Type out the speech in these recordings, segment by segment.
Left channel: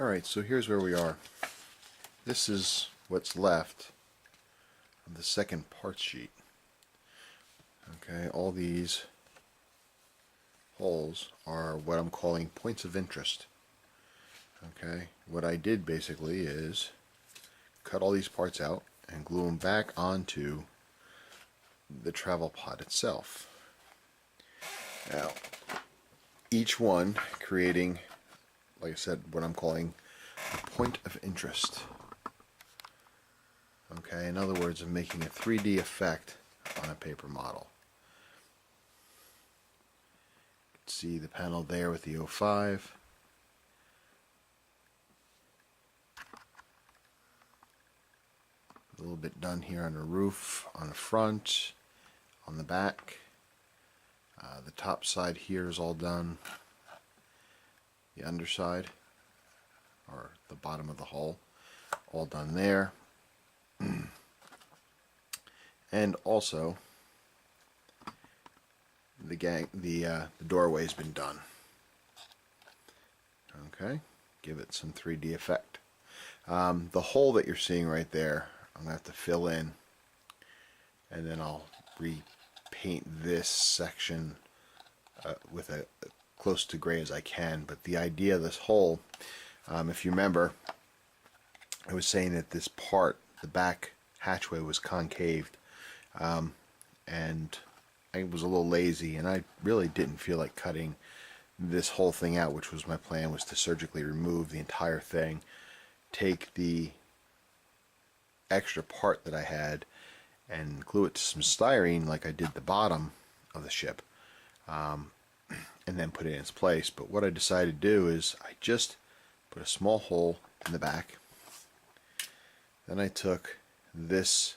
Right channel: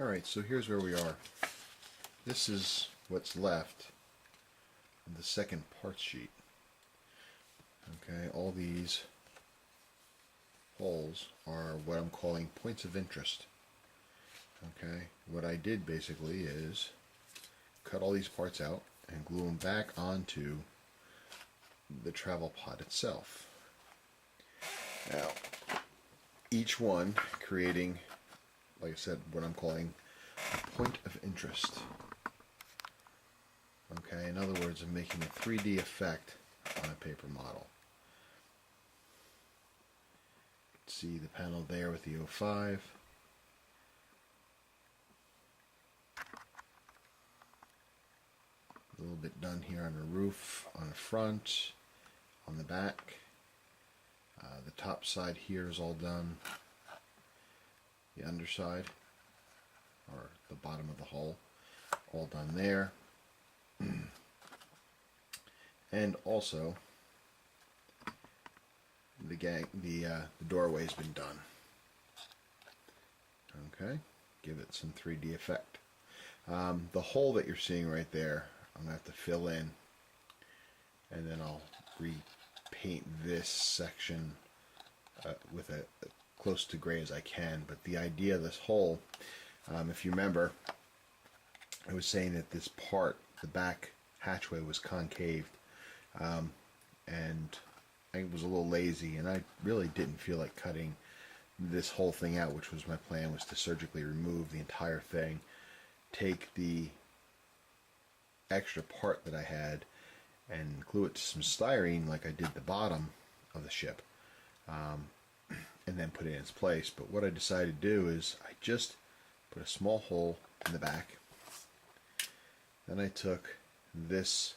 Alright, so here's where we are. This is what's left of the second parts sheet. Okay, all these holes are what I'm calling points of interest. Okay, what I did basically is cut all these parts out and glue them back onto the travel pod itself. Now, each one creating, like I said, what I'm calling a point of interest. Okay, in other words, I'm making a 3D effect on a paper model. You can see the panel there with the 05. A little bit done here on the roof, on the front, on the back. The top side here is all done. The underside, or the bottom of the hull, all done there. And also the doorway's been done. Okay, give it some 3D effect. The hole that you're seeing right there, I'm gonna have to fill in, and then I'll repaint this section with a close to gray as I can. But the idea of this hole, if you remember, I was saying that this part, the back hatchway, was concaved, and I was a little lazy, and I really didn't feel like cutting this whole thing out, which was my plan, was to surgically remove the entire thing, take the extra part that I had and glue it to some styrene like I did the bottom of the ship, and then put it in its place. But what I decided to do is I just put a small hole in the back. Then I took this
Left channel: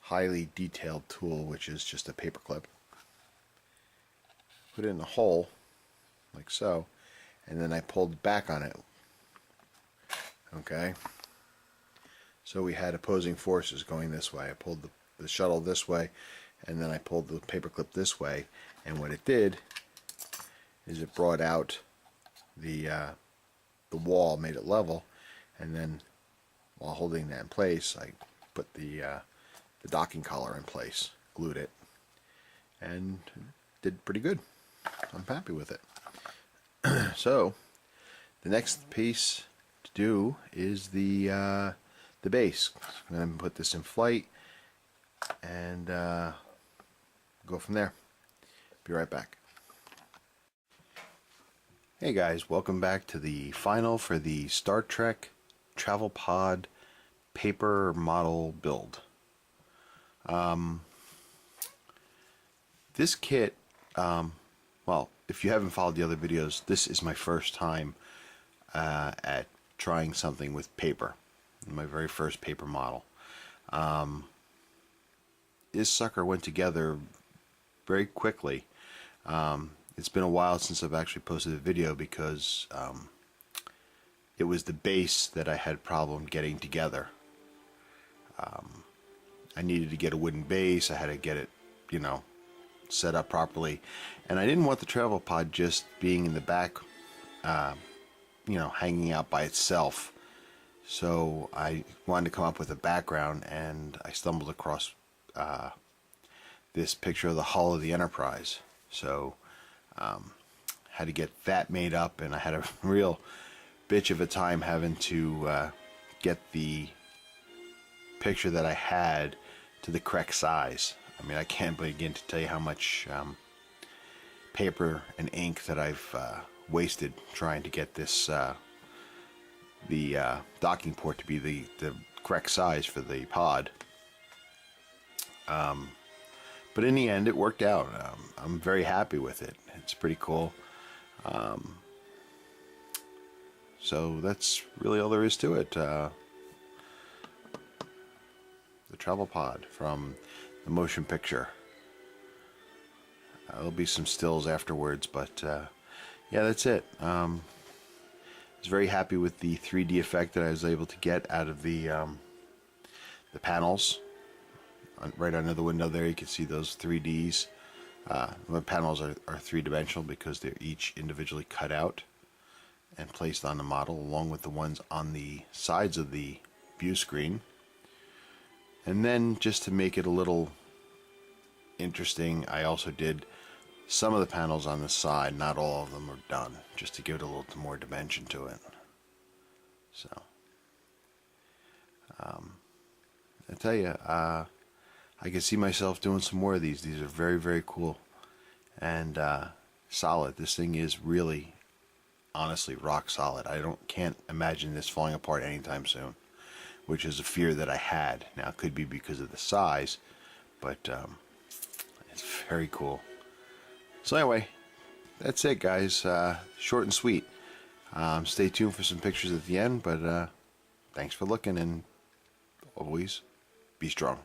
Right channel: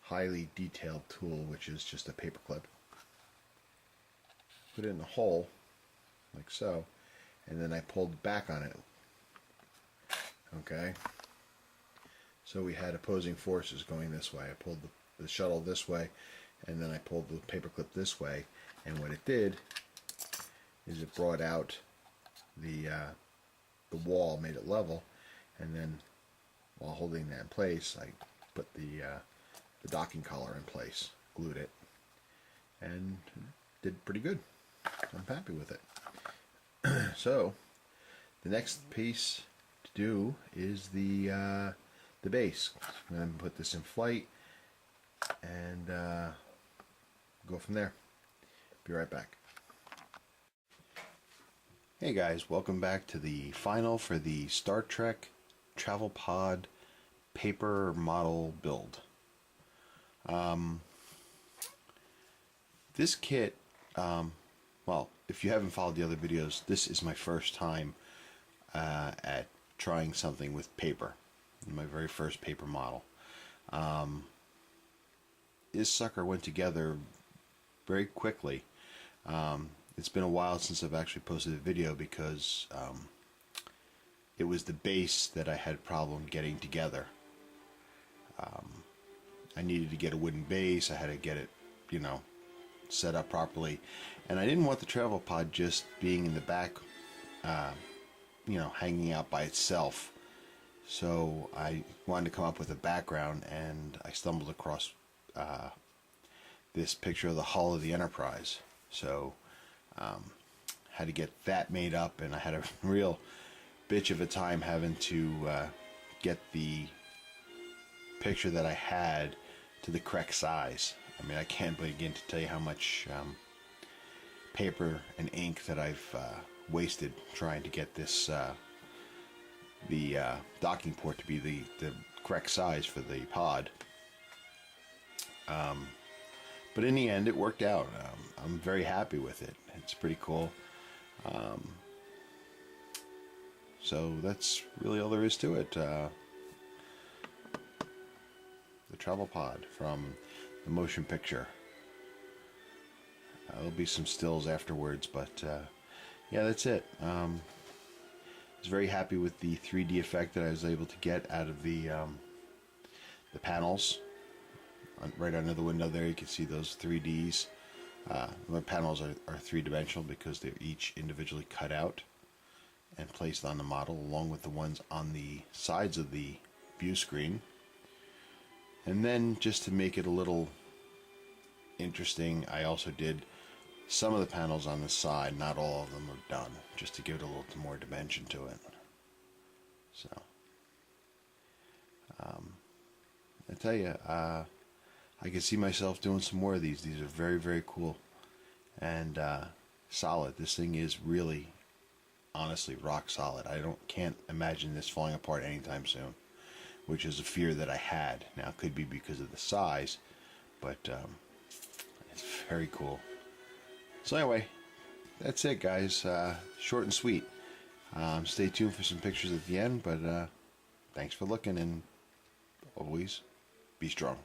highly detailed tool, which is just a paper clip, put it in the hole like so, and then I pulled back on it. Okay, so we had opposing forces going this way. I pulled the shuttle this way, and then I pulled the paper clip this way, and what it did is it brought out the wall, made it level, and then while holding that in place, I put the docking collar in place, glued it, and did pretty good. I'm happy with it. So the next piece to do is the base. I'm going to put this in flight and go from there. Be right back. Hey guys, welcome back to the final for the Star Trek Travel Pod paper model build. This kit, well, if you haven't followed the other videos, this is my first time at trying something with paper. My very first paper model. This sucker went together very quickly. It's been a while since I've actually posted a video because it was the base that I had problem getting together. I needed to get a wooden base. I had to get it, you know, set up properly, and I didn't want the travel pod just being in the back, you know, hanging out by itself. So I wanted to come up with a background, and I stumbled across this picture of the hull of the Enterprise. So had to get that made up, and I had a real bitch of a time having to get the picture that I had to the correct size. I mean, I can't begin to tell you how much paper and ink that I've wasted trying to get this the docking port to be the correct size for the pod. But in the end, it worked out. I'm very happy with it. It's pretty cool. So that's really all there is to it. The travel pod from the motion picture. There'll be some stills afterwards, but yeah, that's it. I was very happy with the 3D effect that I was able to get out of the panels. Right under the window there, you can see those 3Ds. The panels are three-dimensional because they're each individually cut out. and placed on the model, along with the ones on the sides of the view screen. And then, just to make it a little interesting, I also did some of the panels on the side. Not all of them are done, just to give it a little more dimension to it. So I tell you, I can see myself doing some more of these. These are very, very cool and solid. This thing is really, honestly, rock solid. Can't imagine this falling apart anytime soon, which is a fear that I had. Now, it could be because of the size, but it's very cool. So anyway, that's it, guys. Short and sweet. Stay tuned for some pictures at the end, but thanks for looking, and always be strong.